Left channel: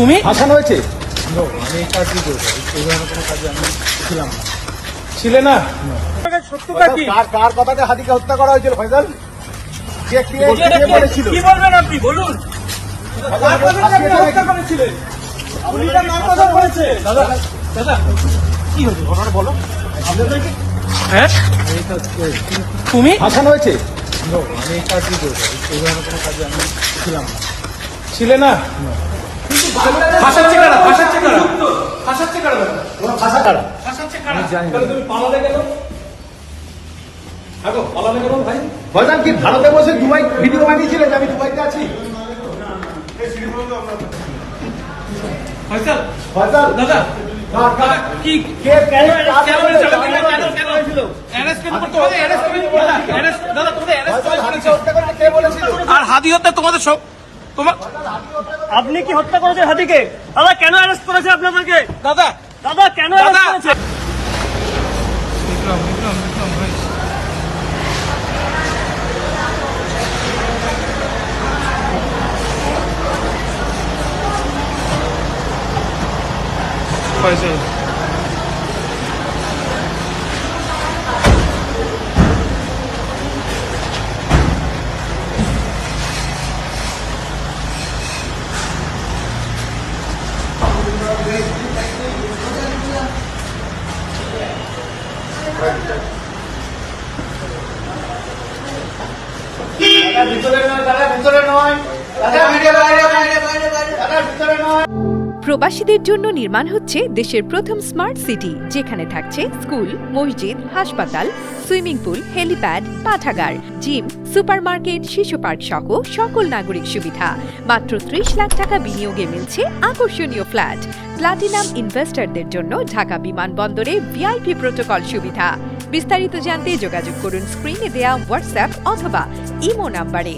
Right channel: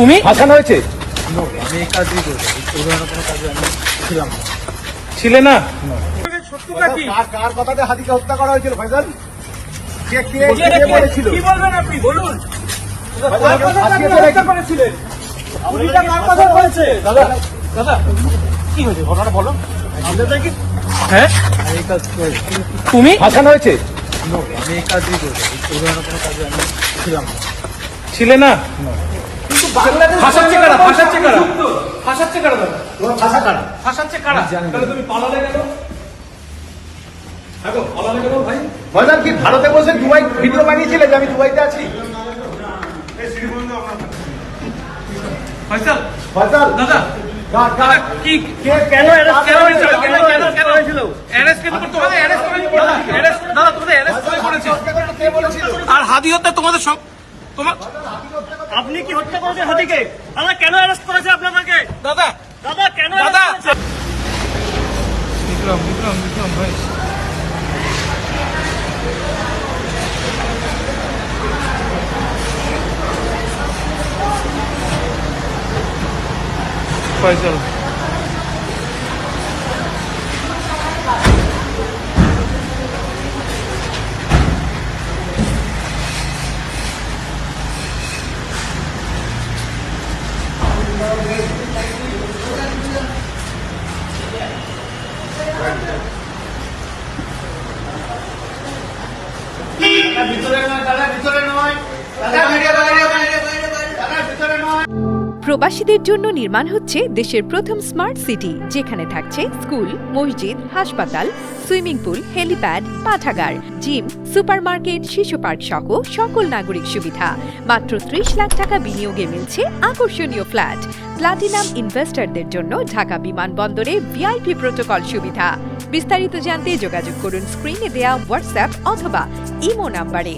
খুনি ফাঁসানো হয়েছে? আমি এই কাজই করবো, এই ধরনের কোনো কাজে আমি ছিলাম না। ছিলে না? সত্যটা কি? কার কথাতে হাতিকে হত্যা করা হয়েছিল ফয়সাল? কে বলেছিল? কি বলবেন আপনি বলুন। কার কথাতে আপনি হত্যা করেছিলেন? আপনি কার কথা বলছে? দাদা কি হয়েছে ঘটনা বলো। হ্যাঁ আমি এই কাজ করেছি। খুনি ফাঁসানো হয়েছে? আমি এই কাজই করবো, এই ধরনের কোনো কাজে আমি ছিলাম না। ছিলে না? ফাঁসাচ্ছে কারা? ফাঁসাচ্ছে কারা? ফাঁসাচ্ছে কারা? ফাঁসাচ্ছে কারা? জানি না। তাহলে তুমি পালালে কেন? আগো পালালে কেন ভাই? ফয়সাল কি ভারতে বসে দুবাই ভিডিও পাঠিয়েছিলে যে আমি দুবাইতে আছি? ফয়সাল ফয়সাল দাদা দাদা কি কেন অ্যারেস্ট কেন করতে হবে? অ্যারেস্ট করে দাদা অ্যারেস্ট দাদা তোমাদের অ্যারেস্ট করেছে। কে বলেছিল? আর হাদি হত্যা তোমাদের সব তোমার আপনি কি হত্যা করেছেন হাতিকে? দাদা কেন অ্যারেস্ট করেছে আপনাদেরকে? দাদা দাদা কেন দাদা অ্যারেস্ট করেছে? বিক্রম ভাই ফয়সাল প্রবাসীদের জন্য নির্মাণ হচ্ছে দেশের প্রথম স্মার্ট সিটি, যেখানে থাকছে স্কুল, মসজিদ, হাসপাতাল, সুইমিং পুল, হেলিপ্যাড, পাঠাগার, জিম, সুপারমার্কেট, শিশু পার্ক সহ সকল নাগরিক সুবিধা। মাত্র ৩০ লাখ টাকা বিনিয়োগে মিলছে আকর্ষণীয় ফ্ল্যাট। প্লাটিনাম ইনভেস্টরদের জন্য ঢাকা বিমানবন্দরে ভিআইপি প্রোটোকল সুবিধা। বিস্তারিত জানতে যোগাযোগ করুন স্ক্রিনে দেয়া হোয়াটসঅ্যাপ অথবা ইমো নাম্বারে।